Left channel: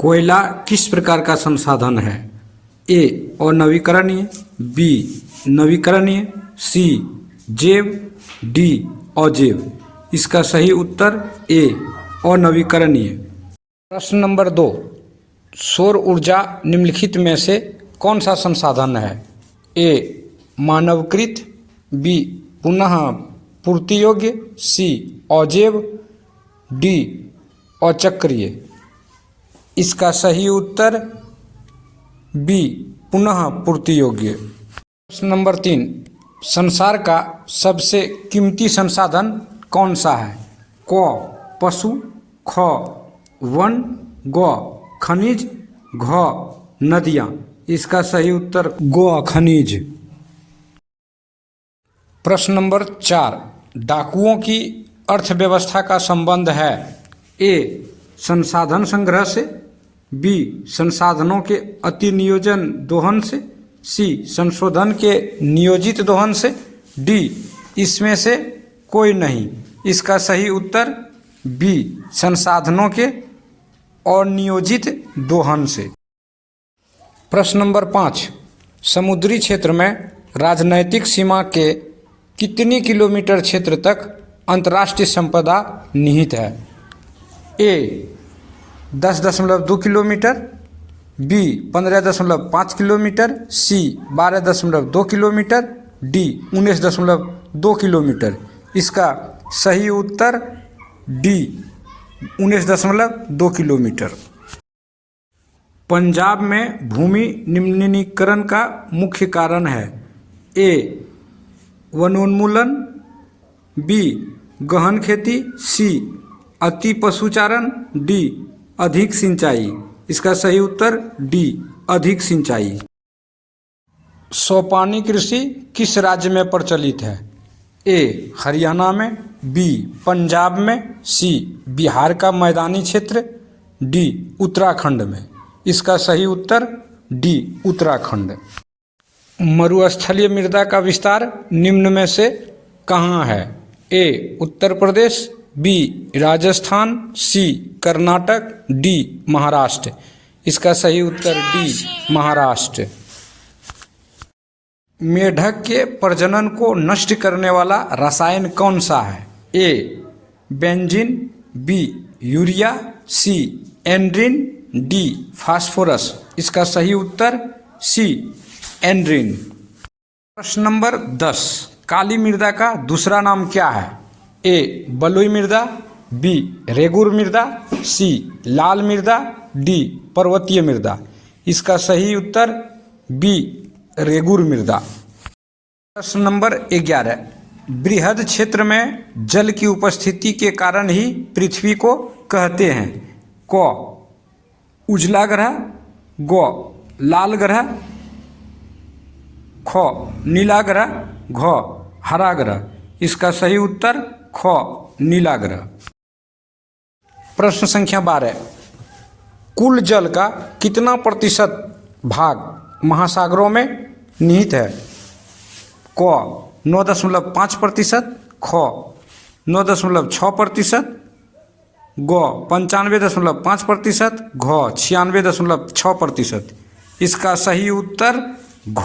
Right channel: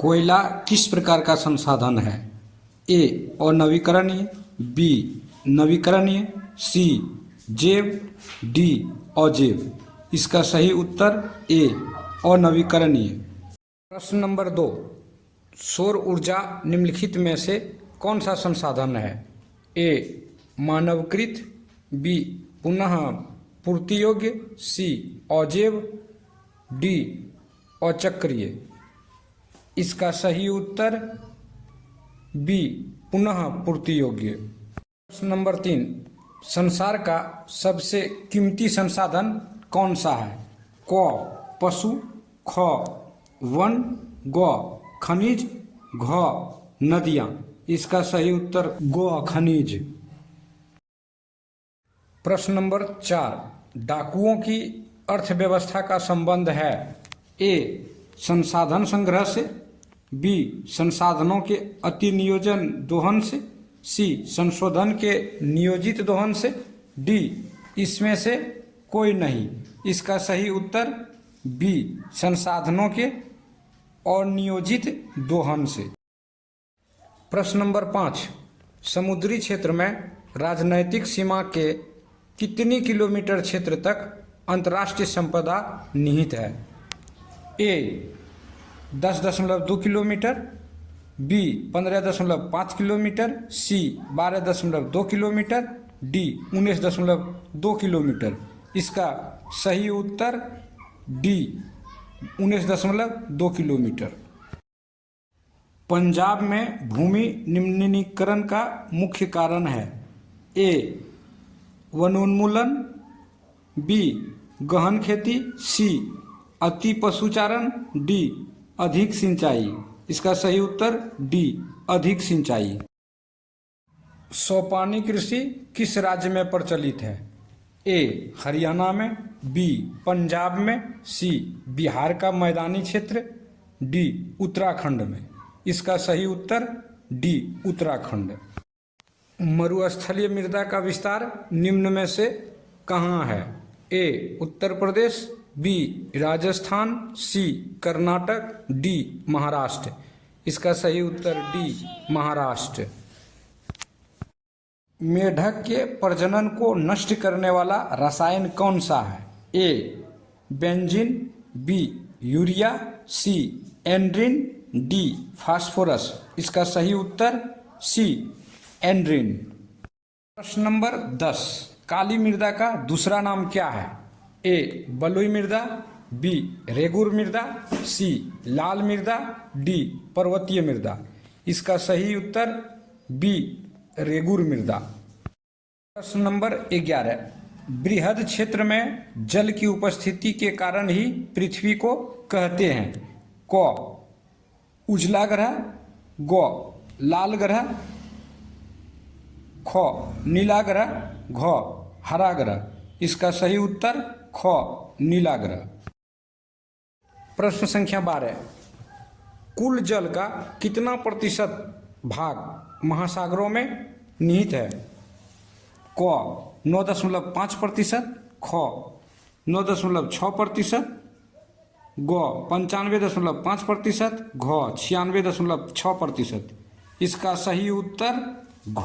कोयला किस प्रकार का संसाधन है? ए अनवीकरणीय, बी नवीकरणीय, सी जैव, डी अजैव। इसका सही उत्तर ए अनवीकरणीय। प्रश्न नंबर 2, सौर ऊर्जा निम्नलिखित में से कौन सा संसाधन है? ए मानवकृत, बी पुनः पूर्ति योग्य, सी अजैव, डी अचक्रीय। इसका सही उत्तर बी पुनः पूर्ति योग्य। प्रश्न नंबर 3, संसार का सबसे कीमती संसाधन कौन सा है? क पशु, ख वन, ग खनिज, घ नदियाँ। इसका सही उत्तर ग खनिज। प्रश्न नंबर 4, डाकुओं की अर्थव्यवस्था का संबंध है? ए संसाधन संग्रह से, बी संसाधनों के अति नियोजन दोहन से, सी संशोधन के नियोजित दोहन से, डी इसमें से कोई नहीं। इसका सही उत्तर बी संसाधनों के अनियोजित दोहन से। प्रश्न नंबर 5, समुद्री क्षेत्र में राजनैतिक सीमा के कितनी किलोमीटर क्षेत्र तक अंतर्राष्ट्रीय संपदा निहित है? ए 10.2 किलोमीटर, बी 15.5 किलोमीटर, सी 12.2 किलोमीटर, डी 19.2 किलोमीटर। इसका सही उत्तर डी 19.2 किलोमीटर। पंजाब में भूमि निम्नीकरण का मुख्य कारण है? ए वनोन्मूलन, बी गहन खेती, सी अति पशुचारण, डी अधिक सिंचाई। इसका सही उत्तर डी अधिक सिंचाई। सोपानी कृषि किस राज्य में प्रचलित है? ए हरियाणा में, बी पंजाब में, सी बिहार का मैदानी क्षेत्र, डी उत्तराखंड में। इसका सही उत्तर डी उत्तराखंड। मरुस्थलीय मृदा का विस्तार निम्न में से कहाँ है? ए उत्तर प्रदेश, बी राजस्थान, सी कर्नाटक, डी महाराष्ट्र। इसका सही उत्तर डी महाराष्ट्र। मेढक के प्रजनन को नष्ट करने वाला रसायन कौन सा है? ए बेंजीन, बी यूरिया, सी एंड्रीन, डी फास्फोरस। इसका सही उत्तर सी एंड्रीन। प्रश्न नंबर 10, काली मृदा का दूसरा नाम क्या है? ए बलुई मृदा, बी रेगुर मृदा, सी लाल मृदा, डी पर्वतीय मृदा। इसका सही उत्तर बी रेगुर मृदा। प्रश्न नंबर 11, बृहद क्षेत्र में जल की उपस्थिति के कारण ही पृथ्वी को कहते हैं? क उजला ग्रह, ग लाल ग्रह, ख नीला ग्रह, घ हरा ग्रह। इसका सही उत्तर ख नीला ग्रह। प्रश्न संख्या 12, कुल जल का कितना प्रतिशत भाग महासागरों में निहित है? क 9.5%, ख 9.6%, ग 95.5%, घ 96.6%। इसका सही उत्तर घ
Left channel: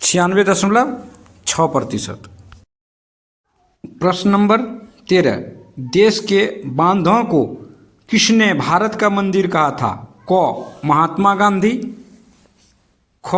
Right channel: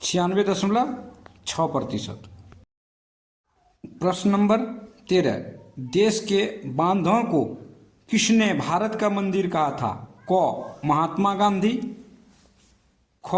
96.6%। प्रश्न नंबर 13, देश के बांधों को किसने भारत का मंदिर कहा था? क महात्मा गांधी, ख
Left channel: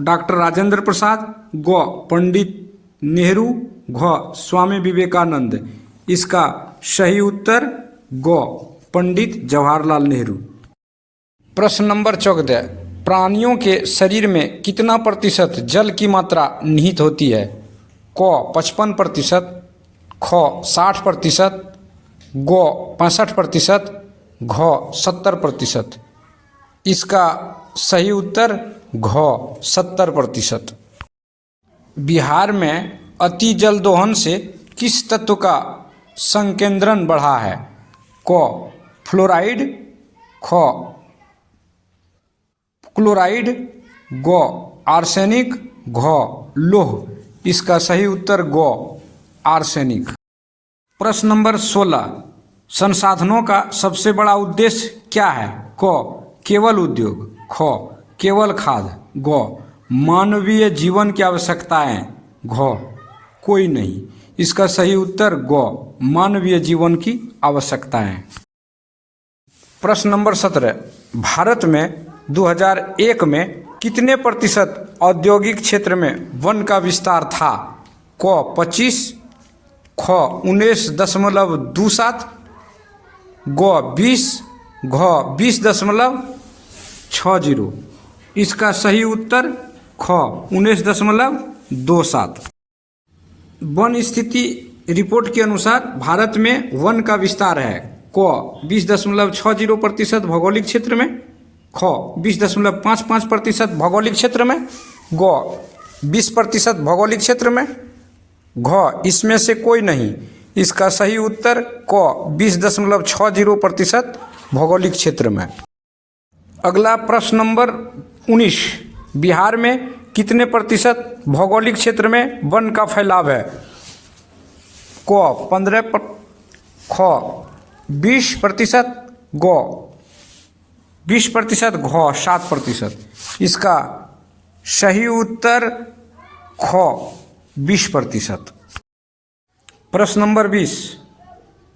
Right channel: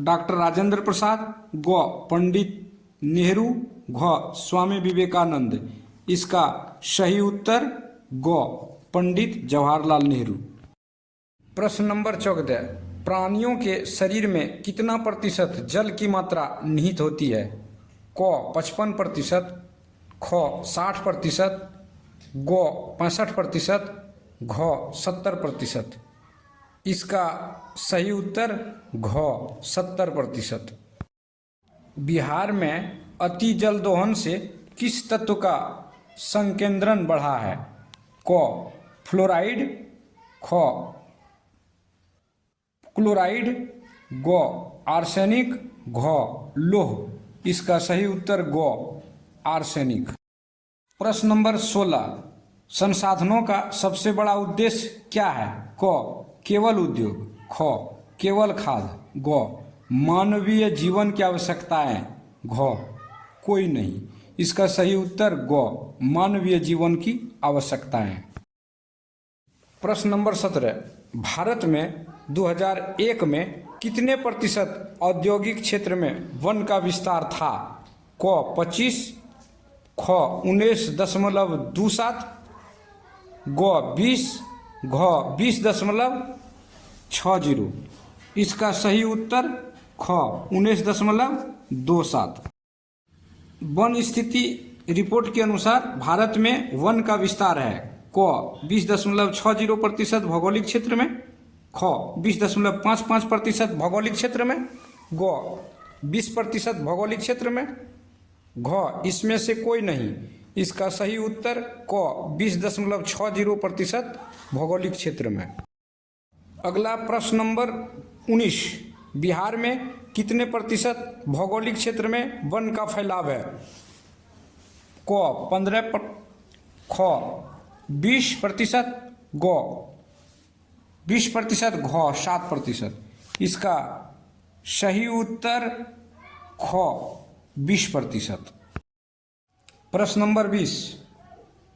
डॉक्टर राजेंद्र प्रसाद, ग पंडित नेहरू, घ स्वामी विवेकानंद। इसका सही उत्तर ग पंडित जवाहरलाल नेहरू। प्रश्न नंबर 14, प्राणियों के शरीर में कितना प्रतिशत जल की मात्रा निहित होती है? क 55%, ख 60%, ग 65%, घ 70%। इसका सही उत्तर घ 70%। बिहार में अति जल दोहन से किस तत्व का संकेंद्रण बढ़ा है? क फ्लोराइड, ख क्लोराइड, ग आर्सेनिक, घ लोह। इसका सही उत्तर ग आर्सेनिक। प्रश्न नंबर 16, संसाधनों का सबसे बड़ा उद्देश्य क्या है? क, केवल उद्योग। ख, केवल खाद्य। ग, मानवीय जीवन की आवश्यकताएं। घ, कोई नहीं। इसका सही उत्तर ग, मानवीय जीवन की आवश्यकताएं। प्रश्न नंबर 17, भारत में 2001 में कितने प्रतिशत औद्योगिक क्षेत्र में वन का विस्तार था? क, 25। ख, 19.27। ग, 20। घ, 20.60। इसका सही उत्तर ख, 19.27। वन स्थिति रिपोर्ट के अनुसार भारत में वन का विस्तार है। क, 20.60% भौगोलिक क्षेत्र में। ख, 20.55% भौगोलिक क्षेत्र में। ग, 20% भौगोलिक क्षेत्र में। घ, इसमें से कोई नहीं। इसका सही उत्तर क, 20.60% भौगोलिक क्षेत्र में। अगला प्रश्न नंबर 19, बिहार में कितने प्रतिशत भौगोलिक क्षेत्र में वन का फैलाव है? क, 15। ख, 20%। ग, 20%। घ, 7%। इसका सही उत्तर ख, 20%। प्रश्न नंबर 20,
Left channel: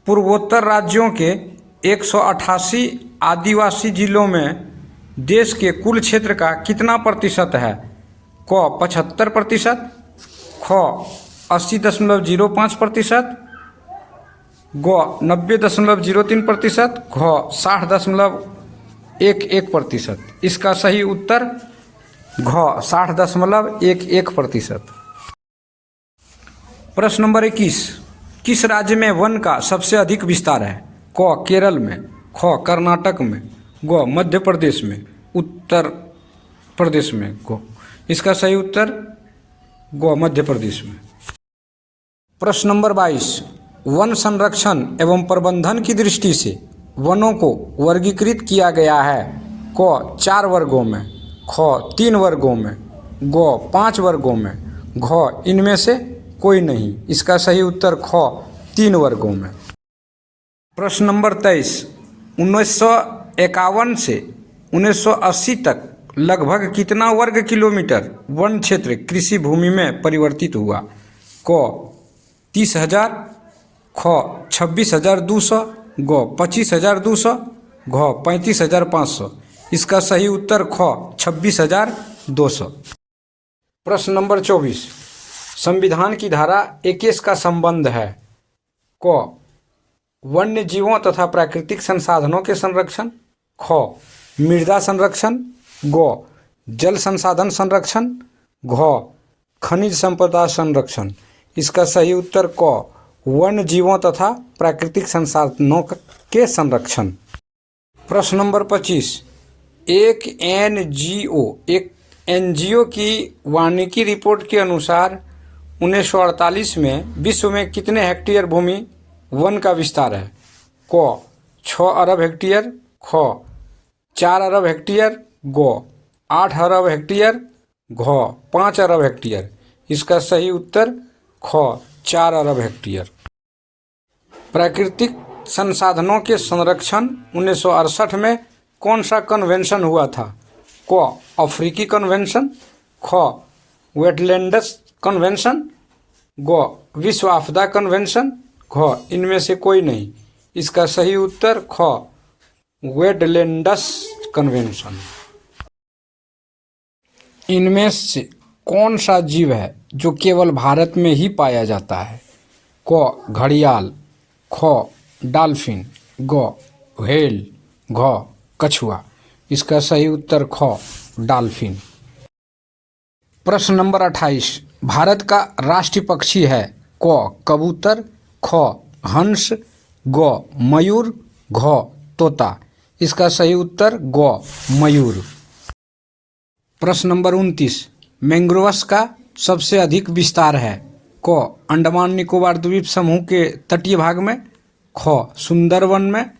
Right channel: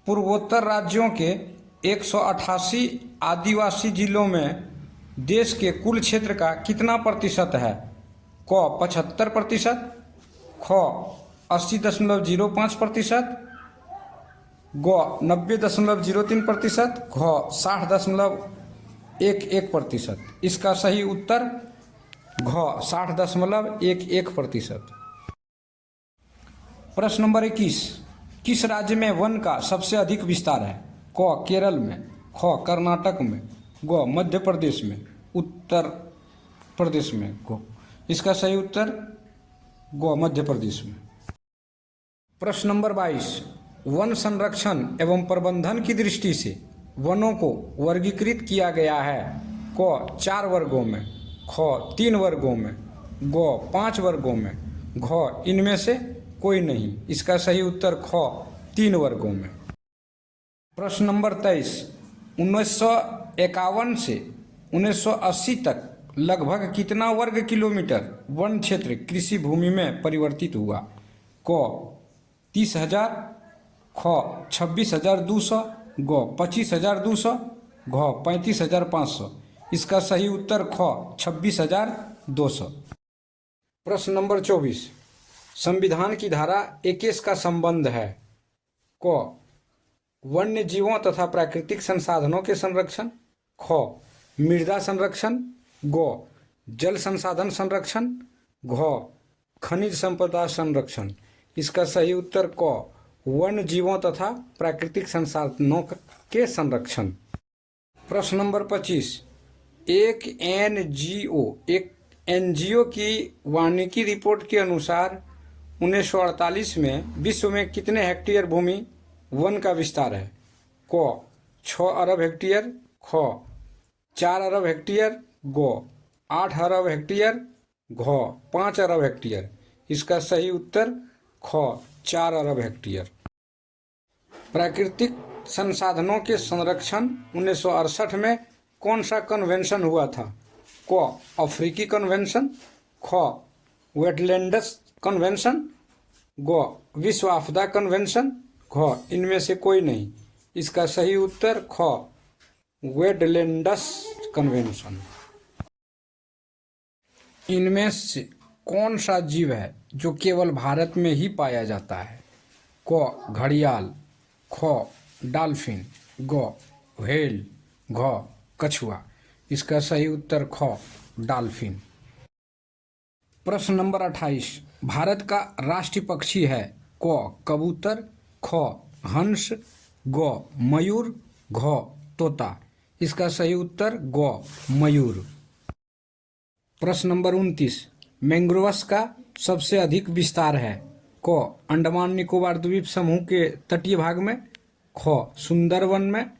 पूर्वोत्तर राज्यों के 188 आदिवासी जिलों में देश के कुल क्षेत्र का कितना प्रतिशत है? क, 75%। ख, 80.05%। ग, 90.03%। घ, 60.11%। इसका सही उत्तर घ, 60.11%। प्रश्न नंबर 21, किस राज्य में वन का सबसे अधिक विस्तार है? क, केरल में। ख, कर्नाटक में। ग, मध्य प्रदेश में। उत्तर प्रदेश में। ग, इसका सही उत्तर ग, मध्य प्रदेश में। प्रश्न नंबर 22, वन संरक्षण एवं प्रबंधन की दृष्टि से वनों को वर्गीकृत किया गया है। क, 4 वर्गों में। ख, 3 वर्गों में। ग, 5 वर्गों में। घ, इनमें से कोई नहीं। इसका सही उत्तर ख, 3 वर्गों में। प्रश्न नंबर 23, 1951 से 1980 तक लगभग कितना वर्ग किलोमीटर वन क्षेत्र कृषि भूमि में परिवर्तित हुआ? क, 30,000। ख, 26,200। ग, 25,200। घ, 35,500। इसका सही उत्तर ख, 26,200। प्रश्न नंबर 24, संविधान की धारा 21 का संबंध है। क, वन्य जीवों तथा प्राकृतिक संसाधनों के संरक्षण। ख, मृदा संरक्षण। ग, जल संसाधन संरक्षण। घ, खनिज संपदा संरक्षण। इसका सही उत्तर क, वन्य जीवों तथा प्राकृतिक संसाधनों के संरक्षण। प्रश्न नंबर 25, एक एनजीओ की वानिकी रिपोर्ट के अनुसार 1948 में विश्व में कितने हेक्टेयर भूमि वन का विस्तार है? क, 6 अरब हेक्टेयर। ख, 4 अरब हेक्टेयर। ग, 8 अरब हेक्टेयर। घ, 5 अरब हेक्टेयर। इसका सही उत्तर ख, 4 अरब हेक्टेयर। प्राकृतिक संसाधनों के संरक्षण 1968 में कौन सा कन्वेंशन हुआ था? क, अफ्रीकी कन्वेंशन। ख, वेटलैंड्स कन्वेंशन। ग, विश्व आपदा कन्वेंशन। घ, इनमें से कोई नहीं। इसका सही उत्तर ख, वेटलैंड्स कन्वेंशन। इनमें से कौन सा जीव है जो केवल भारत में ही पाया जाता है? क, घड़ियाल। ख, डॉल्फिन। ग, व्हेल। घ, कछुआ। इसका सही उत्तर ख, डॉल्फिन। प्रश्न नंबर 28, भारत का राष्ट्रीय पक्षी है। क, कबूतर। ख, हंस। ग, मयूर। घ, तोता। इसका सही उत्तर ग, मयूर। प्रश्न नंबर 29, मैंग्रोव्स का सबसे अधिक विस्तार है। क, अंडमान निकोबार द्वीप समूह के तटीय भाग में। ख, सुंदरवन में।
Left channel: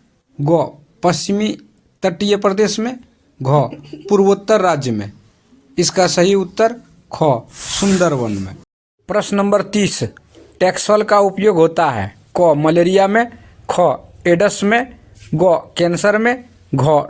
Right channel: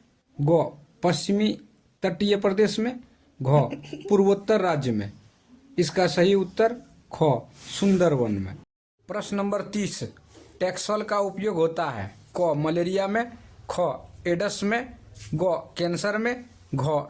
ग, पश्चिमी तटीय प्रदेश में। घ, पूर्वोत्तर राज्य में। इसका सही उत्तर ख, सुंदरवन में। प्रश्न नंबर 30, टैक्सोल का उपयोग होता है। क, मलेरिया में। ख, एड्स में, ग कैंसर में, घ